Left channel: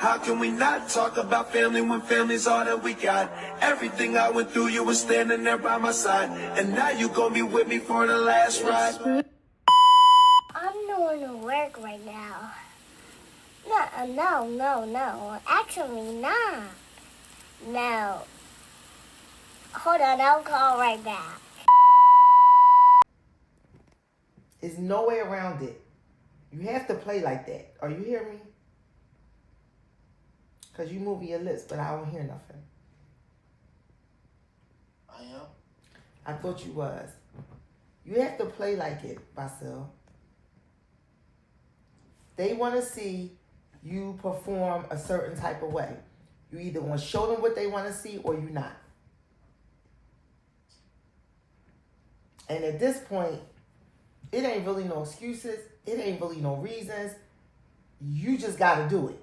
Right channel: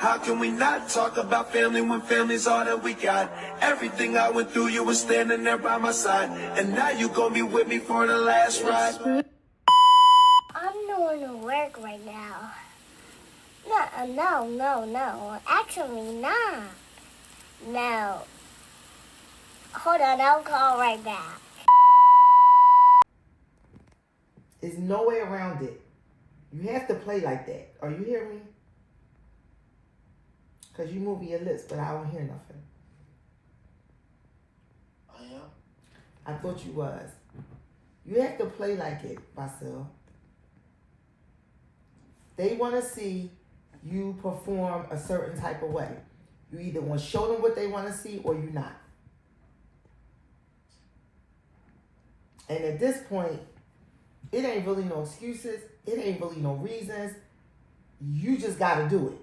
How can we not talk about family when family's all that we got? Everything I went through, you were standing there by my side. And now you gonna be with me for the last ride. I'm doing work right now. No. Actually, not. No. Hold on, I'll call right back. There's no way around it. You have to play like that. Are you hearing me? Because you moving your lips, but I don't hear nothing. I am? I thought you was. You have to play like it, Basil. They want to see you perform a certain type of way. You either want to show them what they want to see or you not. And at this point, it ain't really no excuses. It ain't really no reasons. You just got to do it.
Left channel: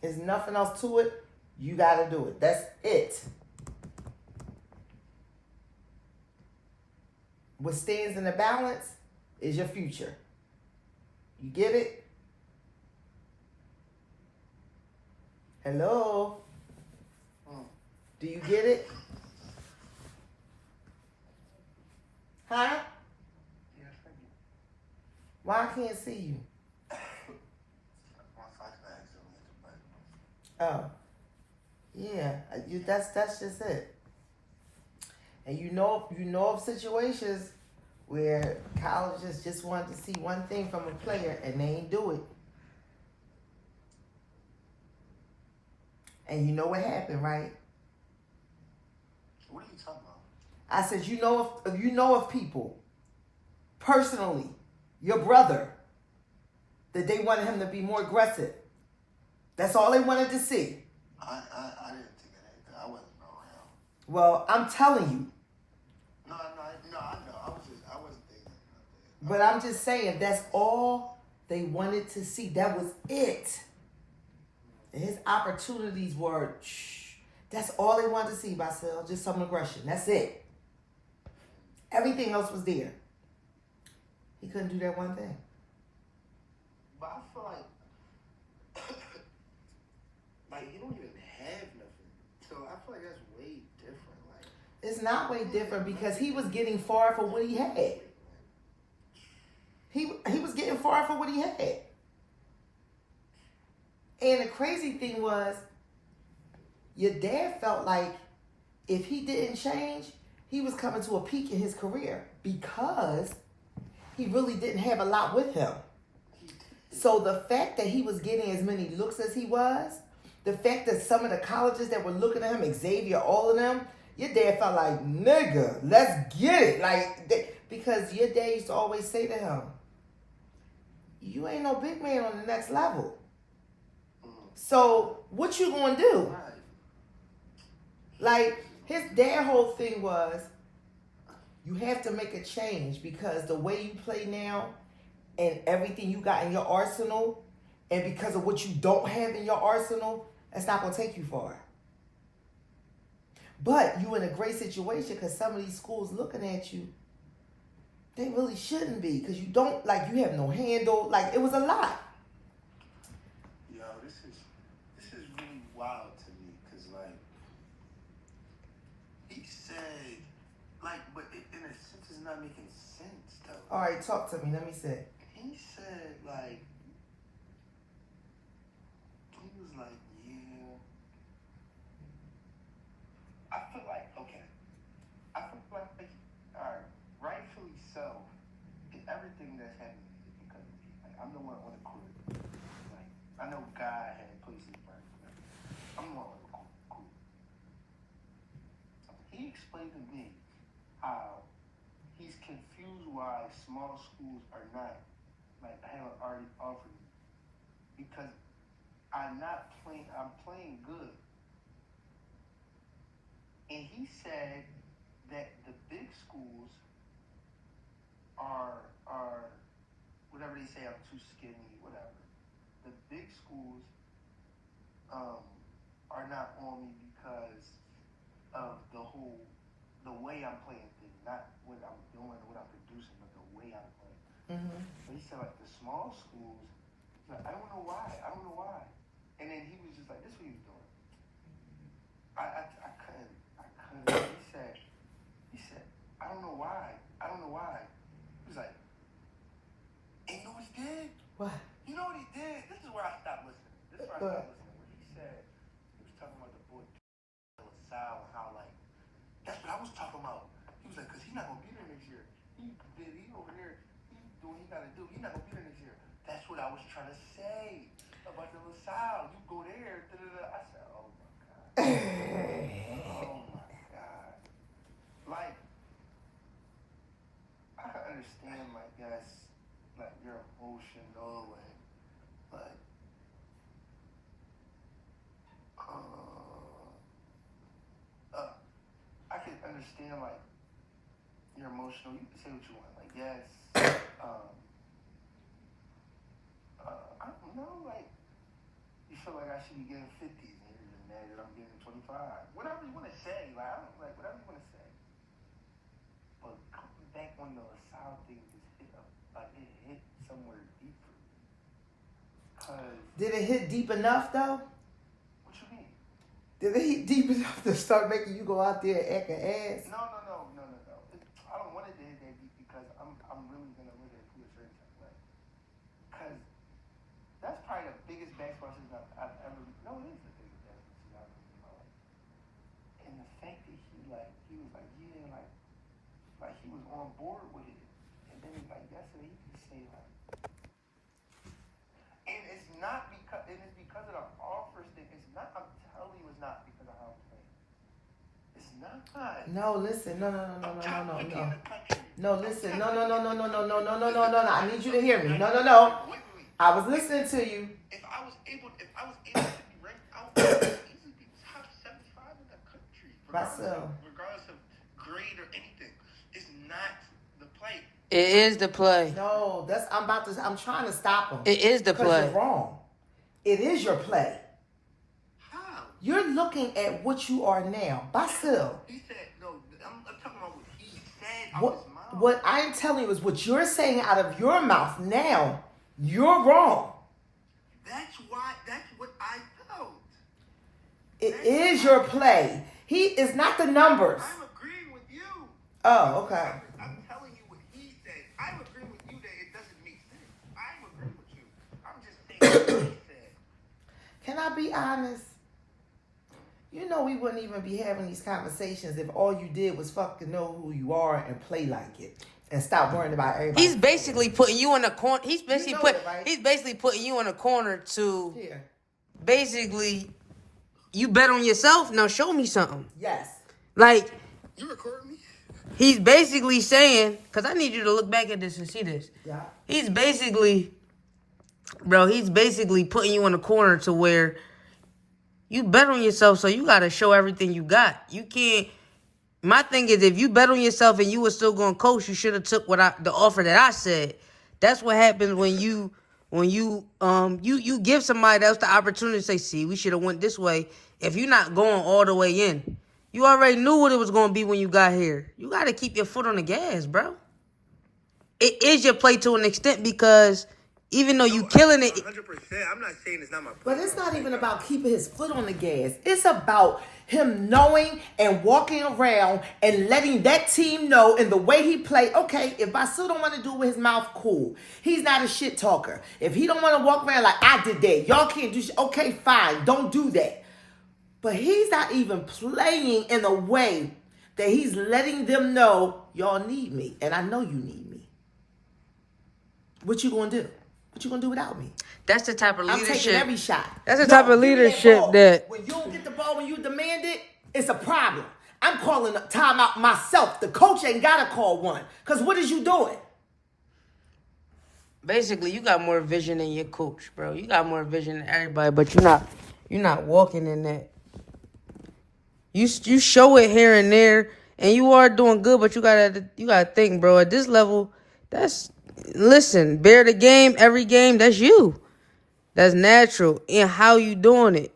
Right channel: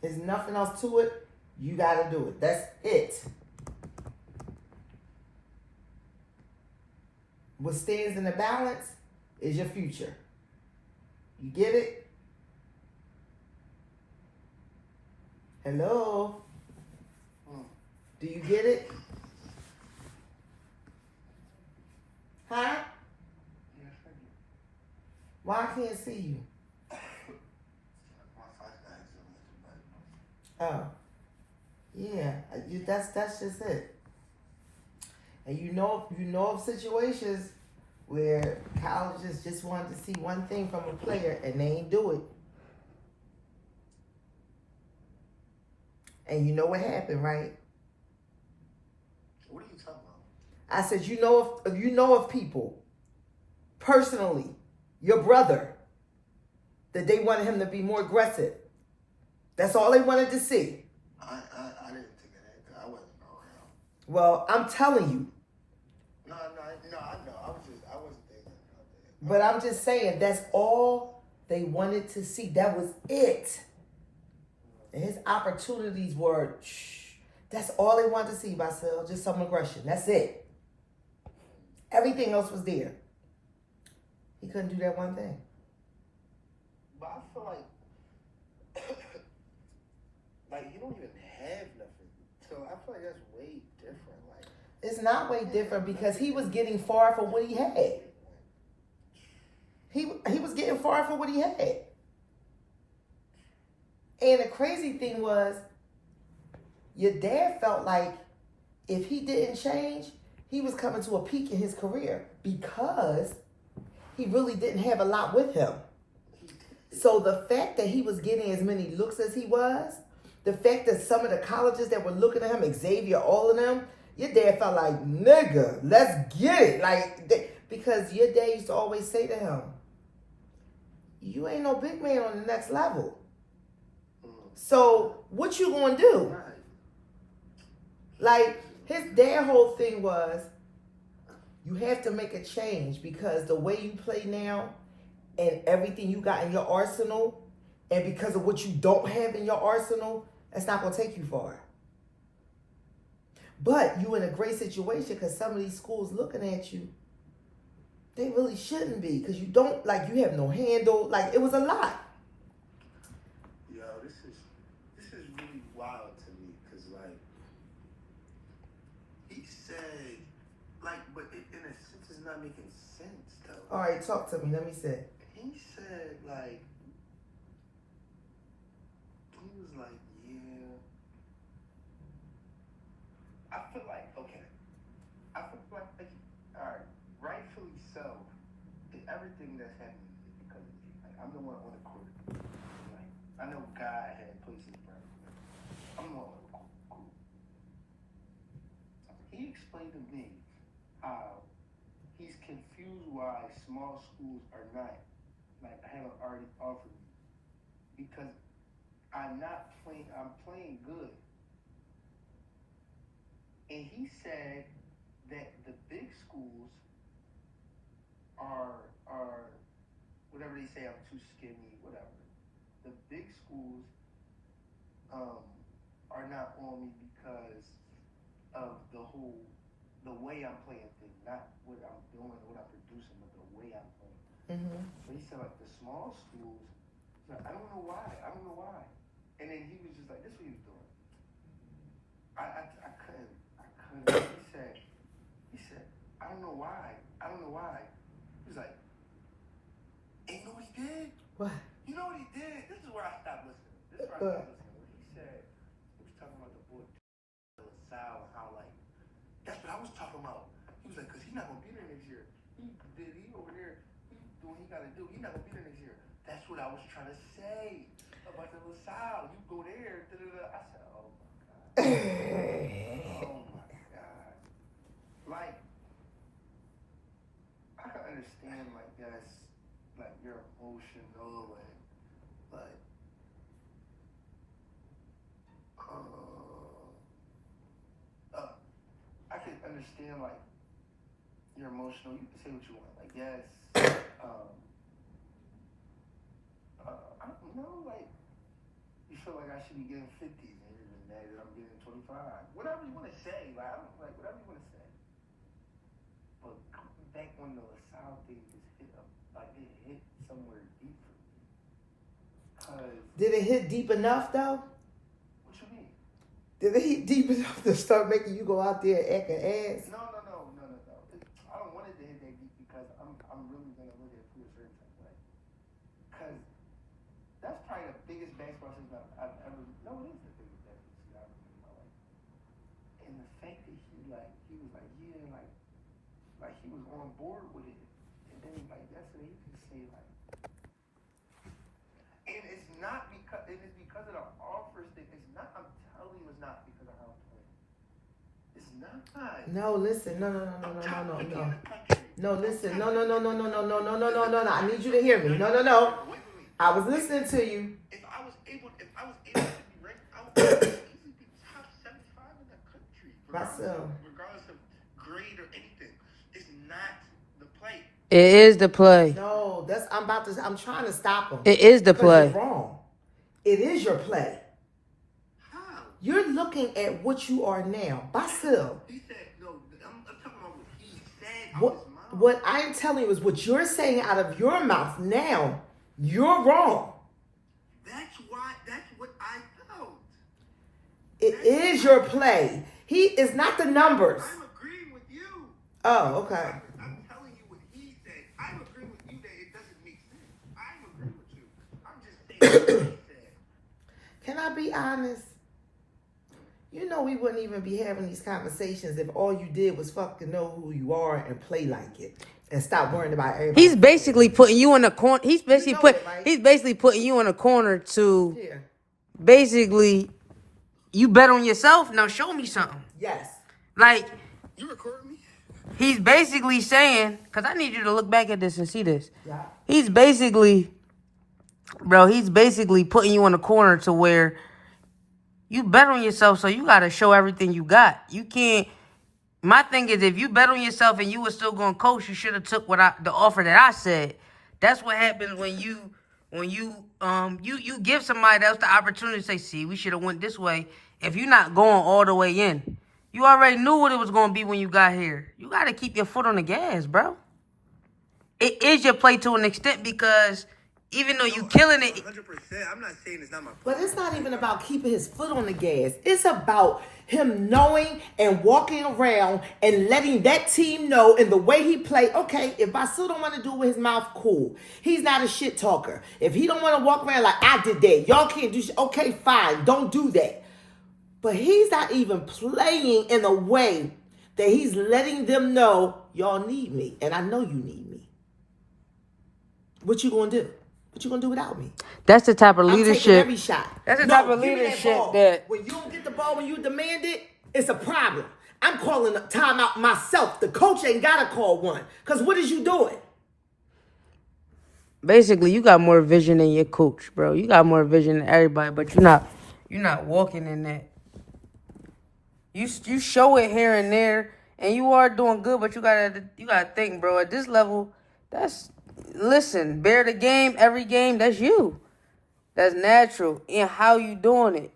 There's nothing else to it. You got to do it. That's it. What stands in the balance is your future. You get it? Hello? Do you get it? Huh? Why I can't see you? Oh, yeah. That's just it. And you know of situations where colleges just wanted to see one thing from a player and they ain't do it. And you know what happened, right? What are you talking about? I said, you know of people, personally, your brother, that they wanted him to be more aggressive. That's all they wanted to see. I didn't think of that. I wasn't around. Well, I'm telling you. No, I know. I wasn't thinking of that. But I'm just saying, that's all they wanted to see. That was it. And his opportunities were, that's all they wanted to see, Basil. Just some aggression. That's it. Everything else was there. He couldn't do that one thing. But I feel like you don't even have nothing. So I feel like that's way different. Like it's not way different because he was getting far for what he had. He was getting far for what he had. And the crazy thing was, your dad felt like if he didn't change, he was coming to a peak in his career because he really didn't have a lot with him. So the fact that he was getting as many looks as he was, the fact that some of the colleges that were looking at him, Xavier, all of them, your dad felt like, nigga, let's get it. Because your dad used to always say to him, you ain't no big man on the next level. So what you gonna do? Like, his dad whole thing was, you have to make a change because the way you play now and everything you got in your arsenal, and because of what you don't have in your arsenal, that's not gonna take you far. But you in a great situation because some of these schools looking at you, they really shouldn't be because you don't, you have no handle. It was a lot. Yo, this is really wild to me because he said but in a sense it's not making sense though. All right, talk to me. Let me see. He said he was like, yeah. I feel like all right, rightfully so. Everything that's happening is because of me. I'm the one on the court. I know God had places for everything. I'm the one on the court. He explained to me how he's confused why small schools are not haven't already offered me because I'm playing good. And he said that the big schools are whatever they say, I'm too skinny, whatever. The big schools are not on me because of the way I'm playing things, not what I'm doing or what I'm producing, but the way I'm playing. Mm-hmm. But he said the small schools Like, I don't know why. I don't know why. And then he was just like, this is what he was doing. I couldn't. He said, I don't know why. I don't know why. He was like, and you know what he did? What? You know what he did? This is where I stopped listening. This is where I stopped listening. Where he said, he was talking about the boy LaSalle and how, like, that's what I was talking about. He was like, because he's not going to be there next year. He over there, he doing what he got to do. He's not going to be there next year. That's what I was trying to say about the LaSalle. You go there, da-da-da. I said, oh, my God. Oh, my God. Like, I can understand, like, yes, like, your emotional and, like, I can understand, like, you're emotional. You can say what you want. Like, yes, I don't know, like, you feel like I should be getting 50s and you're just mad that I'm getting 25. Whatever you want to say, like, I don't, like, whatever you want to say. But coming back when the LaSalle thing just hit up, like, it hit somewhere deep for me. Cause, Did it hit deep enough, though? what you mean? Did it hit deep enough to start making you go out there and act an ass? No. I don't want it to hit that deep because I'm really gonna look at it through a certain type of way. Cause that's probably the biggest basketball season I've ever. No, it is the biggest basketball season I've ever seen in my life. And the fact that he was like, yeah, like he was on board with it. And then like yesterday, he can say like, and it's not because it's because of the offers thing. It's not. I'm telling you, it's not because of how I'm playing. It's not. No, listen. No. No, listen. No. I need you to hear me. No. I was listening to you. If I was able to be ranked, I would easily be top 75 in the country, regardless of grade or anything. It's not the play. It is the play. No, I'm trying to stop him. It is the play. You're wrong. It is your play. How? You're looking at what you are now. Basil. He said, no, I'm talking about what he said out his mouth. What I'm telling you is what you're saying out of your mouth now. You're wrong. That's what I felt. It is your play. He is not the numbers. I'm agreeing with you. Oh, okay. I'm telling you what he said. I'm agreeing with you that it doesn't make sense. I'm agreeing with you. I'm just saying what he said. Can I be honest? You know we wouldn't even be having these conversations if all you did was fucking know who you are and play like it. And stop worrying about everybody. He's basically putting you in a corner. He's basically right? He's basically putting you in a corner to Here. basically you bet on yourself. Now show me something. Yes. Like You recording me? he's basically saying, because I need you to look back at this and see this. Yeah. He's basically putting you in a corner to where you bet on yourself, so you got to show everything you got. You can't. My thing is, if you bet on yourself and you were still going to coach, you should have took the offer that I said. That's what happens when you give somebody else the opportunity to say, see, we should have went this way. If you're not going all the way in, you already knew what it was going to be when you got here. You got to keep your foot on the gas, bro. It is your play to an extent because even though you killing it. 100%. I'm not saying it's not my play. But it's not even about keeping his foot on the gas. It's about him knowing and walking around and letting that team know in the way he play. Okay, if Basil don't want to do it with his mouth, cool. He's not a shit talker. If he don't want to walk around like I did that, y'all can't do shit. Okay, fine, don't do that. But he's not even playing in a way that he's letting them know y'all need me, and I know you need me. What you gonna do? What you gonna do without me? That's the type of leadership. I'm taking every shot. That's the type of leadership that when you don't get the ball when you demand it, it's a problem. I'm calling a timeout myself. The coach ain't gotta call one. Cause what is you doing? basically you got more vision than your coach, bro. You got more vision than everybody, but you're not walking in that. You show it here and there, and you are doing good, but you gotta think, bro. At this level, bear the game every game. That's you. That's natural. And how you doing it?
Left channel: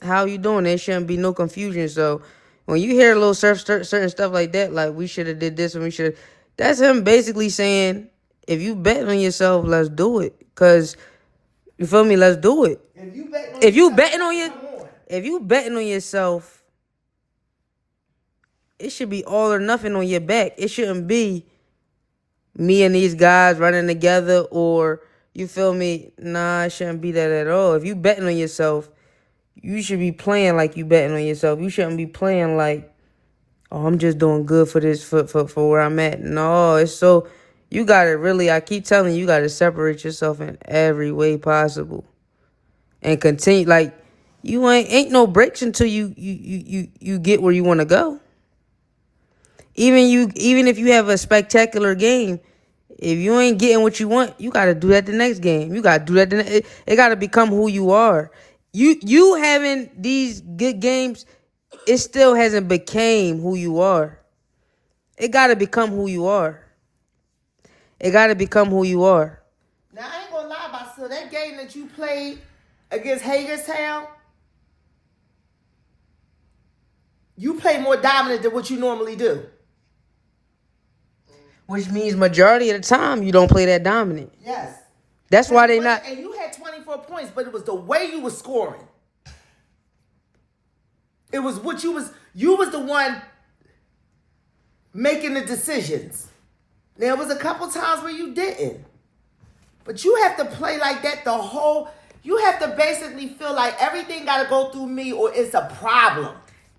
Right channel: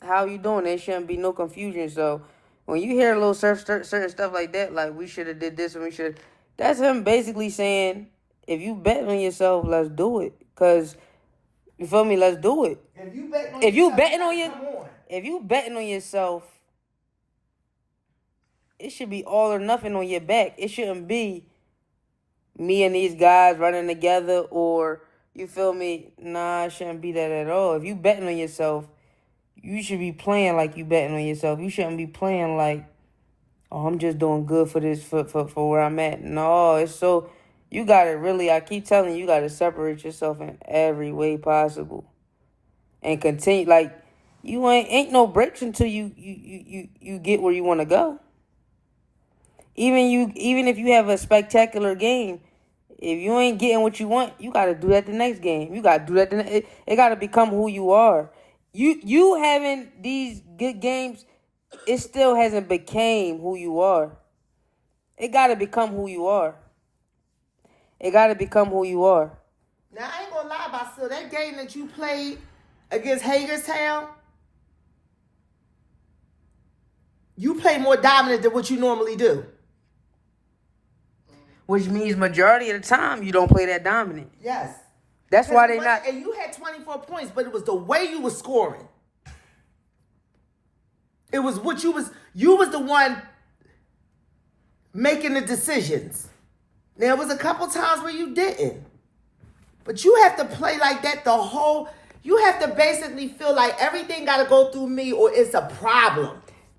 There shouldn't be no confusion. So when you hear a little certain stuff like that, like we should have did this and we should, that's him basically saying, if you bet on yourself, let's do it. Cause You feel me? Let's do it. If you betting on If you yourself, betting on come on. if you betting on yourself, it should be all or nothing on your back. It shouldn't be me and these guys running together, or you feel me? Nah, it shouldn't be that at all. If you betting on yourself, you should be playing like you betting on yourself. You shouldn't be playing like, oh, I'm just doing good for this for where I'm at. No, it's so you gotta really, I keep telling you, you gotta separate yourself in every way possible. And continue like you ain't no breaks until you get where you wanna go. Even if you have a spectacular game, if you ain't getting what you want, you gotta do that the next game. You gotta do that. It gotta become who you are. You having these good games, it still hasn't became who you are. It gotta become who you are. It gotta become who you are. Now I ain't gonna lie about so that game that you played against Hagerstown, you play more dominant than what you normally do. Which means majority of the time you don't play that dominant. Yes. That's why they not. And you had 24 points, but it was the way you was scoring. It was what you was the one making the decisions. There was a couple times where you didn't. But you have to play like that you have to basically feel like everything got to go through me or it's a problem.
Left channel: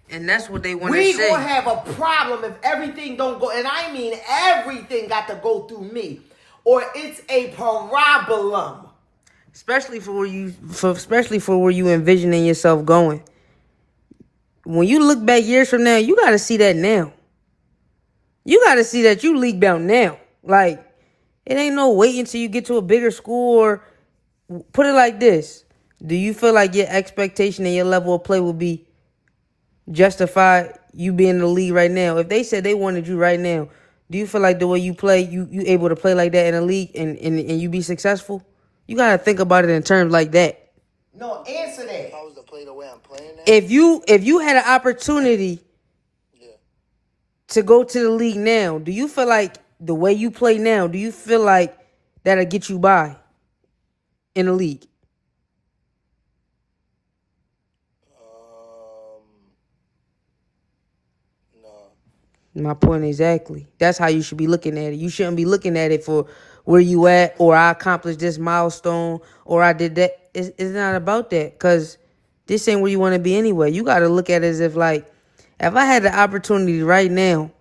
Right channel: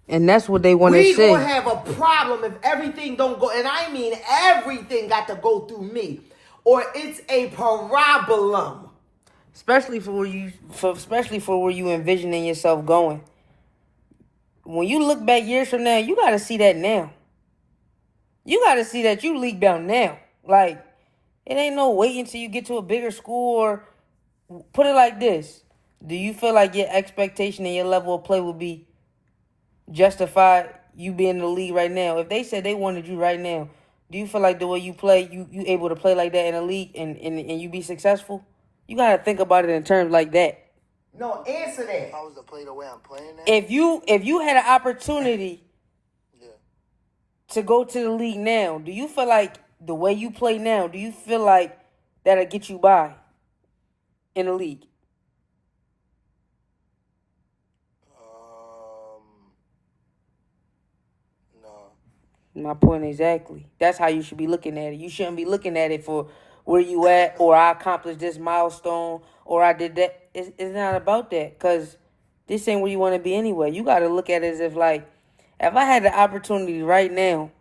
And that's what they want to We say. gonna have a problem if everything don't go, and I mean everything got to go through me, or it's a problem. Especially for where you envisioning yourself going. When you look back years from now, you gotta see that now. You gotta see that you league bound now. Like, it ain't no wait until you get to a bigger school, or put it like this. Do you feel like your expectation and your level of play would be justified you being in the league right now? If they said they wanted you right now, do you feel like the way you play, you able to play like that in the league and you be successful? You gotta think about it in terms like that. No, answer that. If I was to play the way I'm playing now, If you had an opportunity to go to the league now, do you feel like the way you play now, do you feel like that'll get you by in the league? no. My point exactly. That's how you should be looking at it. You shouldn't be looking at it for where you at, or I accomplished this milestone, or I did that. It's not about that, because this ain't where you want to be anyway. You got to look at it as if, like, if I had the opportunity right now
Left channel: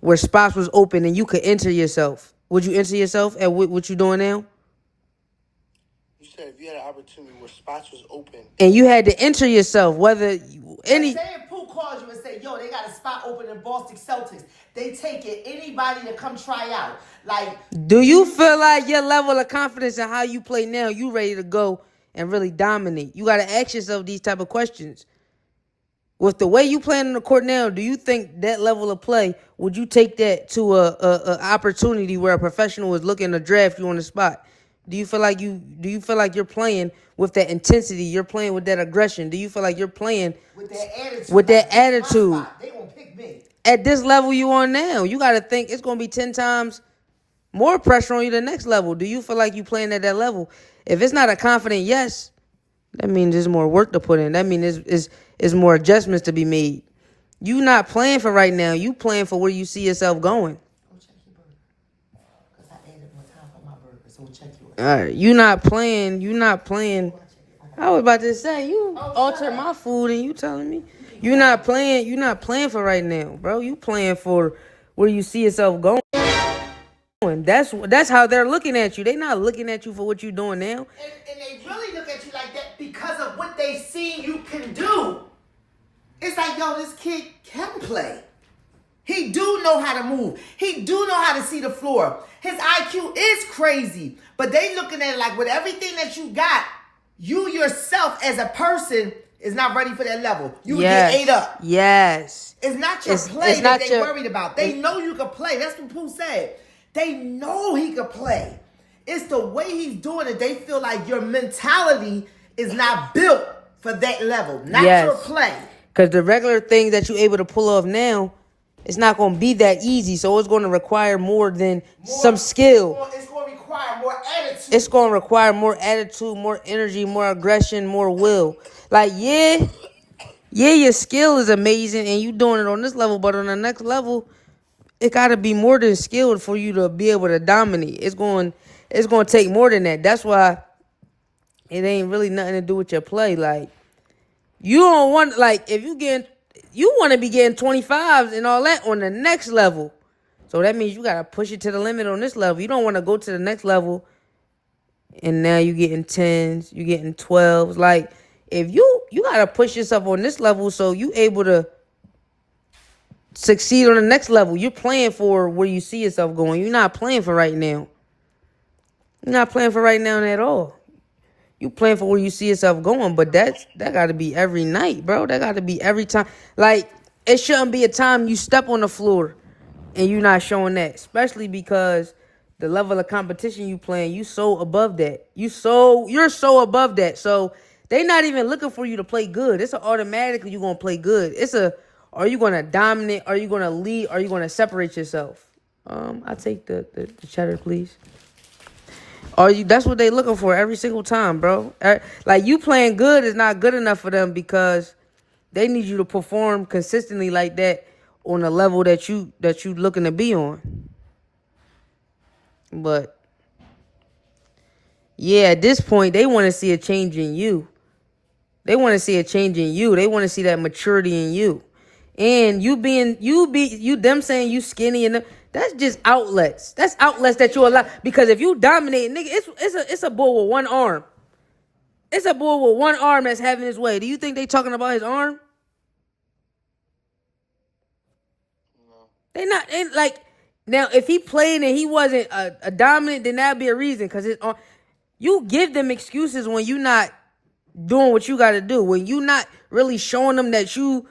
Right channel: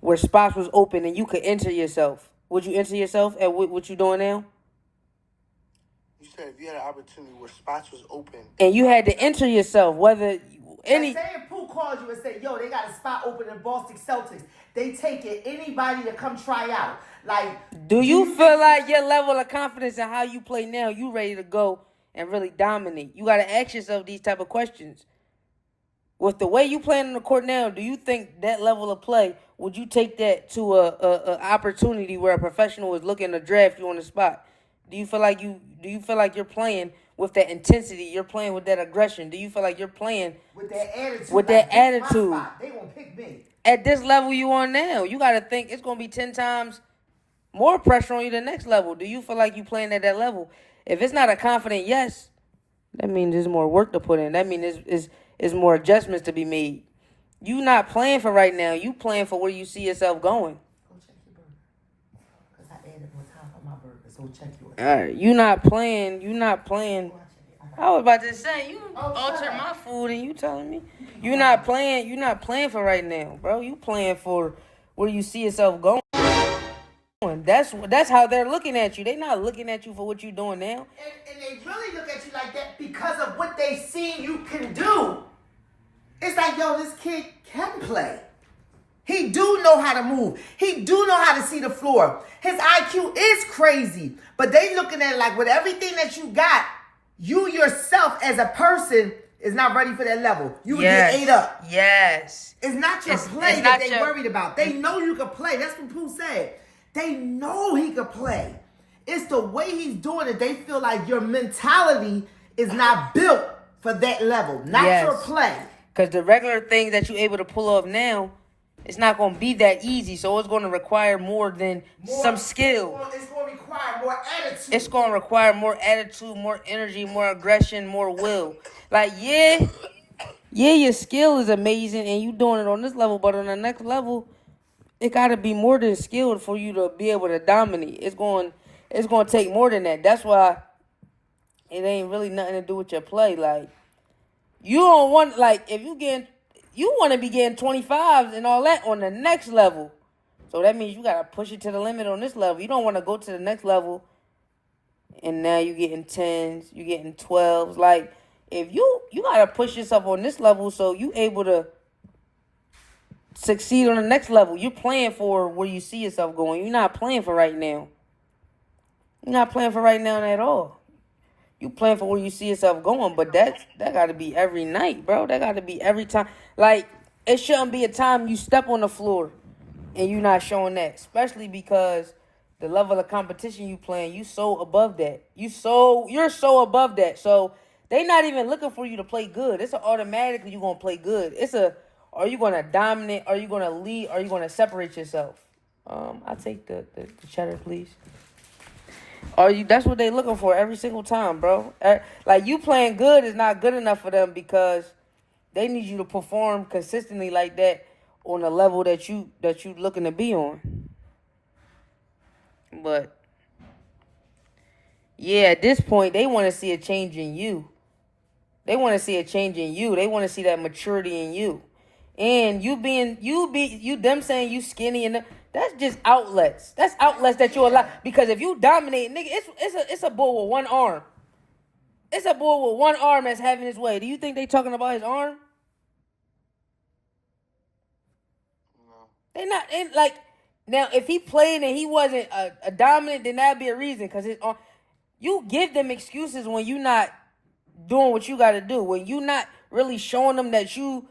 where spots was open and you could enter yourself, would you enter yourself at what you doing now? You said if you had an opportunity where spots was open. And you had to enter yourself, whether any... Say if Pooh calls you and say, yo, they got a spot open in Boston Celtics. They take it, anybody to come try out. Like, Do you feel like your level of confidence in how you play now, you ready to go and really dominate? You got to ask yourself these type of questions. With the way you playing on the court now, do you think that level of play, would you take that to a opportunity where a professional is looking to draft you on the spot? Do you feel like you're playing with that intensity? You're playing with that aggression? Do you feel like you're playing with that attitude? With that like, this my attitude. spot. They gonna pick me. At this level you on now? You got to think it's going to be 10 times more pressure on you the next level. Do you feel like you playing at that level? If it's not a confident yes, that means there's more work to put in. That means it's more adjustments to be made. You not playing for right now. You playing for where you see yourself going. Go check your burger. Because I added more time for my burger, so check yours. All right, you not playing. I was about to say, you alter my food and you telling me. You're not playing for right now, bro. You playing for where you see yourself going. That's how they're looking at you. They're not looking at you for what you're doing now. And they really look at you like that because of what they see you can do. It's like, yo, this kid can play. He do know how to move. He do know how to see the floor. His IQ is crazy. But they looking at it like with everything that you got, you yourself as a person is not ready for that level. You would get ate up. Yes. It's not your play that they worried about. They know you can play. That's what Pooh said. They know he could play. It's the way he's doing it. They feel like your mentality is not built for that level. Not your play. Because the regular things that you're able to pull off now, It's not going to be that easy, so it's going to require more than some skill. It's going to require more attitude. It's going to require more attitude, more energy, more aggression, more will. Like, yeah, your skill is amazing and you doing it on this level, but on the next level, it got to be more than skilled for you to be able to dominate. It's going to take more than that. That's why it ain't really nothing to do with your play. Like, you don't want, like, if you want to be getting 25s and all that on the next level. So that means you got to push it to the limit on this level. You don't want to go to the next level and now you getting 10s, you getting 12s. Like, if you got to push yourself on this level so you able to succeed on the next level. You're playing for where you see yourself going. You're not playing for right now. You're not playing for right now at all. You playing for where you see yourself going, but that got to be every night, bro. That got to be every time. Like, it shouldn't be a time you step on the floor and you're not showing that, especially because the level of competition you playing, you so above that. You're so above that. So they not even looking for you to play good. It's automatically you're going to play good. Are you going to dominate? Are you going to lead? Are you going to separate yourself? I'll take the cheddar, please. That's what they looking for every single time, bro. Like, you playing good is not good enough for them because they need you to perform consistently like that on a level that you looking to be on. But yeah, at this point, they want to see a change in you. They want to see a change in you. They want to see that maturity in you. And them saying you skinny and that's just outlets. That's outlets that you allow. Because if you dominate, nigga, it's a bull with one arm. It's a bull with one arm that's having his way. Do you think they talking about his arm? No. They like, now if he played and he wasn't a dominant, then that'd be a reason. Because his arm, you give them excuses when you not doing what you got to do. When you not really showing them that you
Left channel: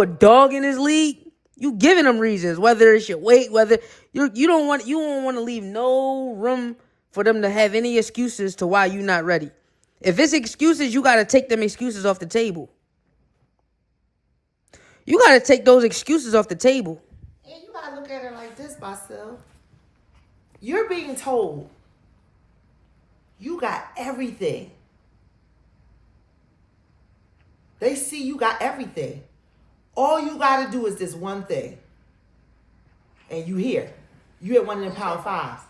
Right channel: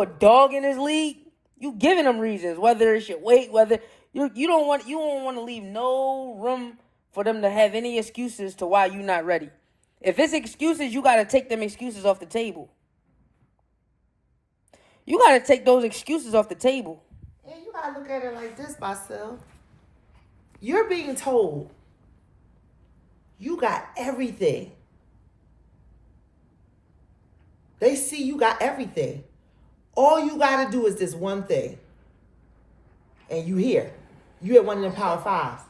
a dog in this league, you giving them reasons. Whether it's your weight, whether you don't want to leave no room for them to have any excuses to why you not ready. If it's excuses, you got to take them excuses off the table. You got to take those excuses off the table. And you got to look at it like this, Marcel. You're being told you got everything. They see you got everything. All you got to do is this one thing. And you here. You at one of them Power Fives.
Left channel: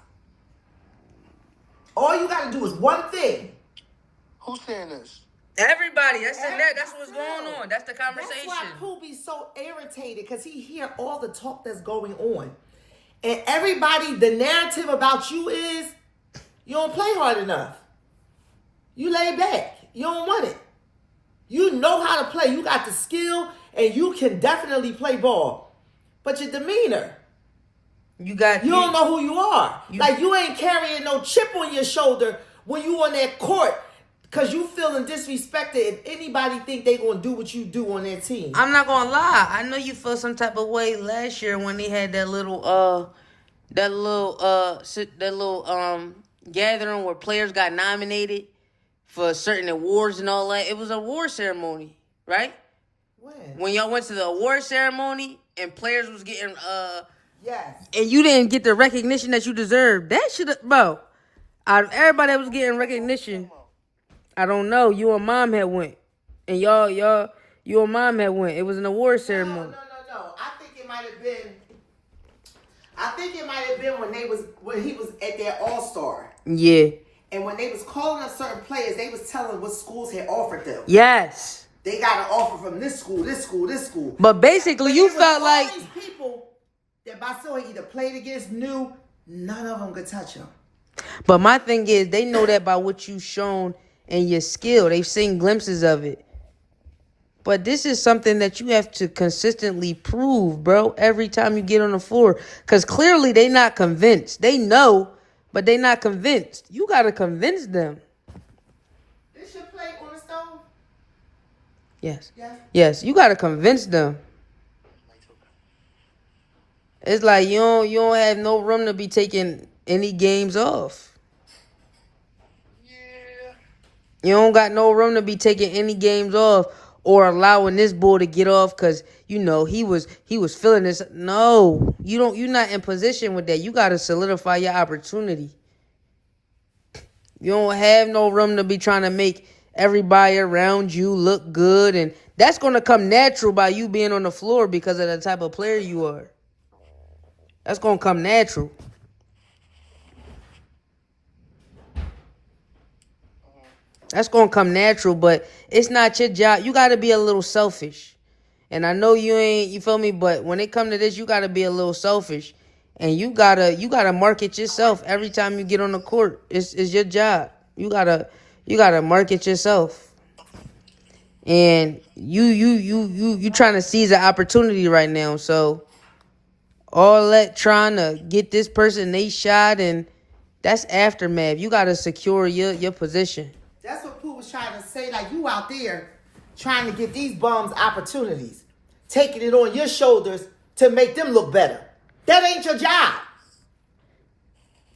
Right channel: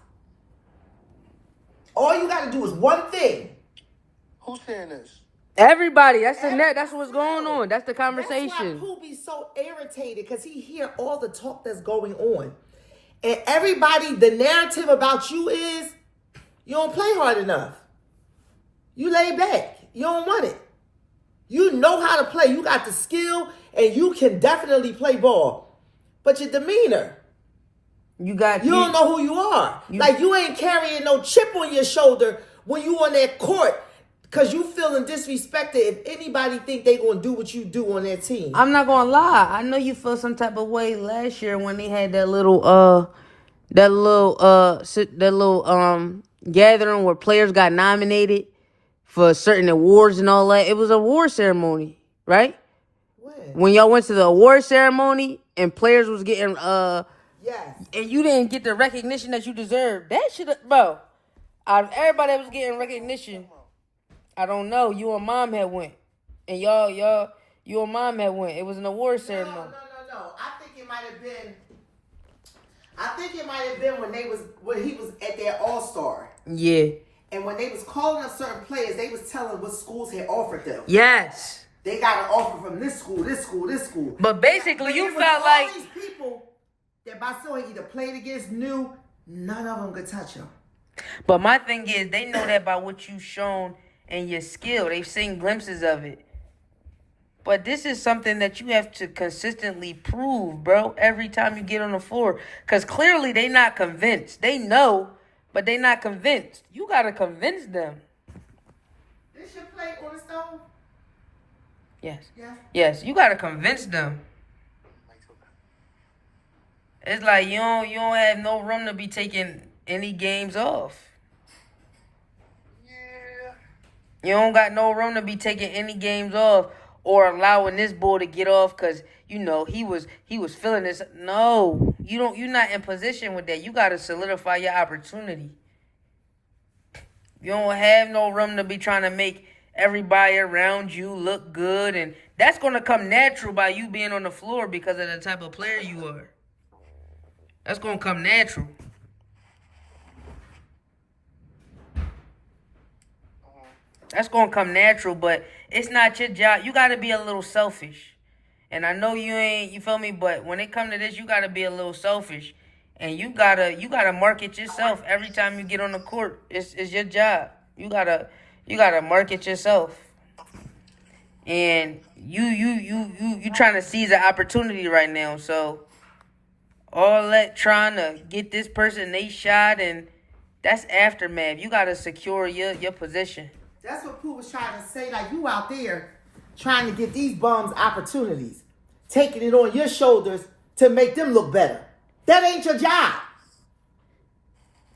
All you got to do is one thing. Who's saying this? Everybody, that's what's going on. That's the conversation. That's why Pooh be so irritated, because he hear all the talk that's going on. And everybody, the narrative about you is, you don't play hard enough. You lay back. You don't want it. You know how to play. You got the skill, and you can definitely play ball. But your demeanor, you don't know who you are. Like, you ain't carrying no chip on your shoulder when you on that court, because you feeling disrespected if anybody think they going to do what you do on their team. I'm not going to lie. I know you felt some type of way last year when they had that little gathering where players got nominated for certain awards and all that. It was an award ceremony, right? When y'all went to the award ceremony and players was getting yes, and you didn't get the recognition that you deserved. That should have, bro. Out of everybody that was getting recognition, I don't know. You and mom had went, and you and mom had went. It was an award ceremony. No. I think it might have been when he was at their All-Star. Yeah. And when they was calling up certain players, they was telling what schools had offered them. Yes. They got an offer from this school, this school, this school. But basically, you felt like all these people that Basil had either played against, knew, none of them could touch him. But my thing is, they know that by what you've shown and your skill. They've seen glimpses of it. But this is something that you have to consistently prove, bro, every time you get on the floor. Because clearly they not convinced. They know, but they not convinced. You got to convince them. This your plate on the stove? Yes. Yes. Yes, you got to convince them. It's like you don't have no room to be taking any games off. Yeah. You don't got no room to be taking any games off or allowing this bull to get off because you know he was feeling this. No, you're not in position with that. You gotta solidify your opportunity. You don't have no room to be trying to make everybody around you look good, and that's gonna come natural by you being on the floor because of the type of player you are. That's gonna come natural. That's gonna come natural, but it's not your job. You gotta be a little selfish. And I know you ain't, you feel me, but when it come to this, you gotta be a little selfish. And you gotta market yourself every time you get on the court. It's your job. You gotta market yourself. And you trying to seize an opportunity right now. So all that trying to get this person they shot, and that's aftermath. You gotta secure your position. That's what Pooh was trying to say. Like, you out there trying to get these bums opportunities, taking it on your shoulders to make them look better. That ain't your job.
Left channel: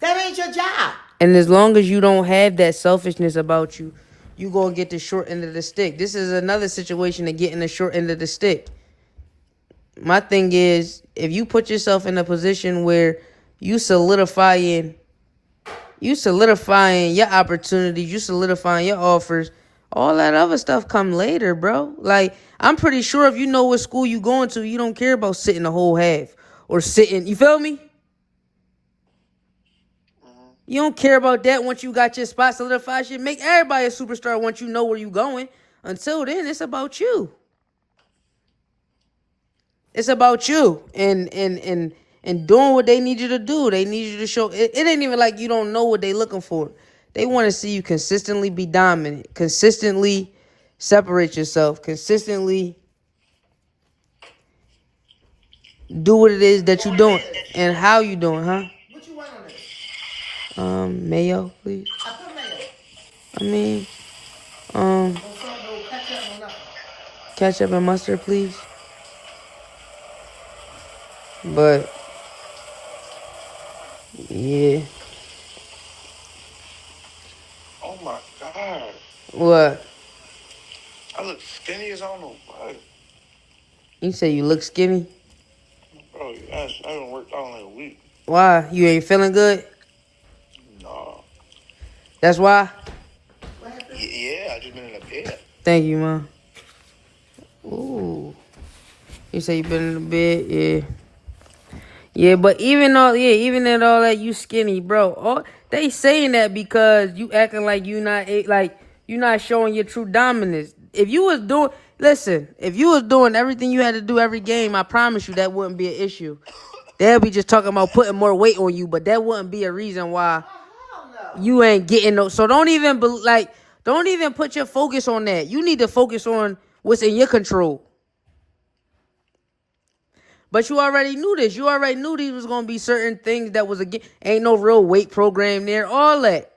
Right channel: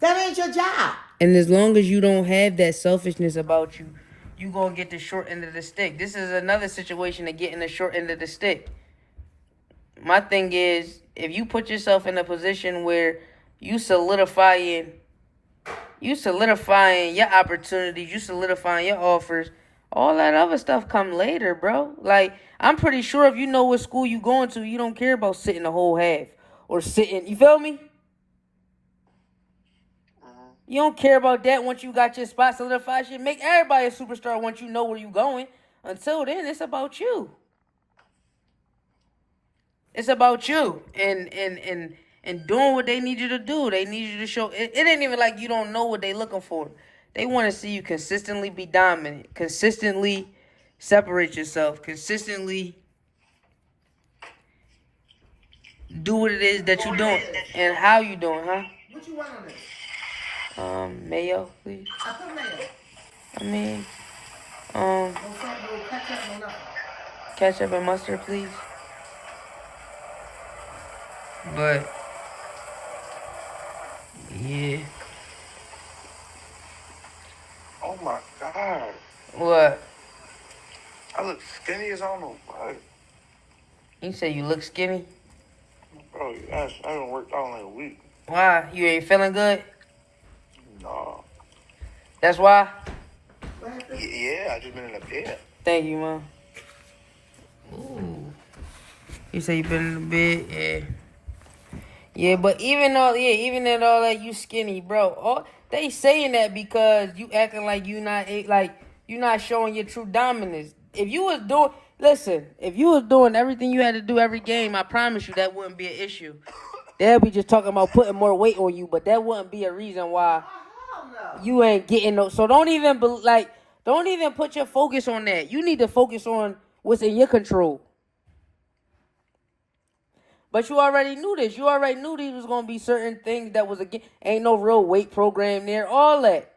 That ain't your job. And as long as you don't have that selfishness about you, you gonna get the short end of the stick. This is another situation of getting the short end of the stick. My thing is, if you put yourself in a position where you solidifying your opportunities, you solidifying your offers, all that other stuff come later, bro. Like, I'm pretty sure if you know what school you going to, you don't care about sitting the whole half or sitting, you feel me? You don't care about that once you got your spot solidified. Shit, make everybody a superstar once you know where you going. Until then, it's about you. It's about you and doing what they need you to do. They need you to show. It ain't even like you don't know what they looking for. They want to see you consistently be dominant, consistently separate yourself, consistently do what it is that you're doing and how you doing, huh? What you want on this? Mayo, please. I put mayo. I mean, No ketchup, no nothing. ketchup and mustard, please. But yeah. Oh my God. What? I look skinny as I don't know what. You say you look skinny? Bro, I haven't worked out in like a week. Why? You ain't feeling good? No. That's why? Yeah, I just been in the bed. Thank you, man. Ooh. You say you been in the bed? Yeah. Yeah, but even at all that, you skinny, bro. They saying that because you acting like you not showing your true dominance. If you was doing everything you had to do every game, I promise you that wouldn't be an issue. They'll be just talking about putting more weight on you, but that wouldn't be a reason why you ain't getting no. So don't even put your focus on that. You need to focus on what's in your control. But you already knew this. You already knew these was gonna be certain things that was ain't no real weight program there. All that.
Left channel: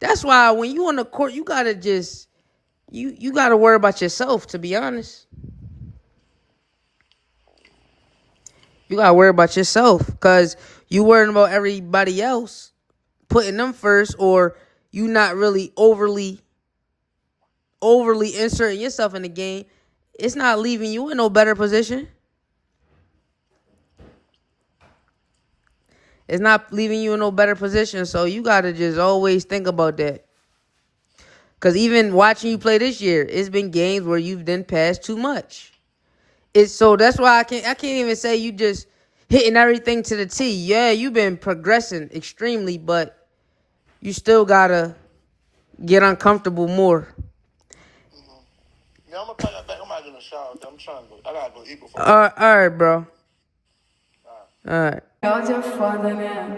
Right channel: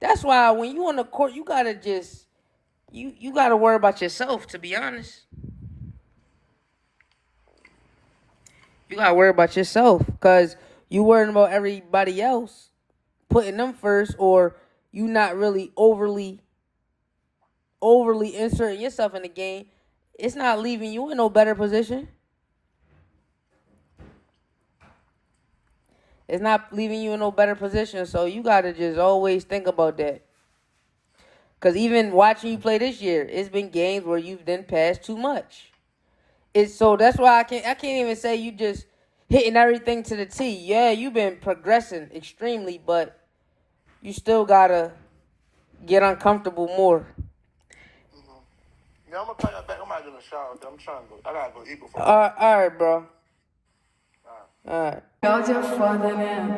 That's why when you on the court, you gotta just you gotta worry about yourself. To be honest, you gotta worry about yourself because you worrying about everybody else, putting them first, or you not really overly inserting yourself in the game. It's not leaving you in no better position. It's not leaving you in no better position, so you got to just always think about that. Because even watching you play this year, it's been games where you've done pass too much. So that's why I can't even say you just hitting everything to the T. Yeah, you've been progressing extremely, but you still got to get uncomfortable more. Yeah, I'm going to play that back. I'm out in the shower. I'm trying to go. I got to go eat before. All right, bro. All right. God your father now.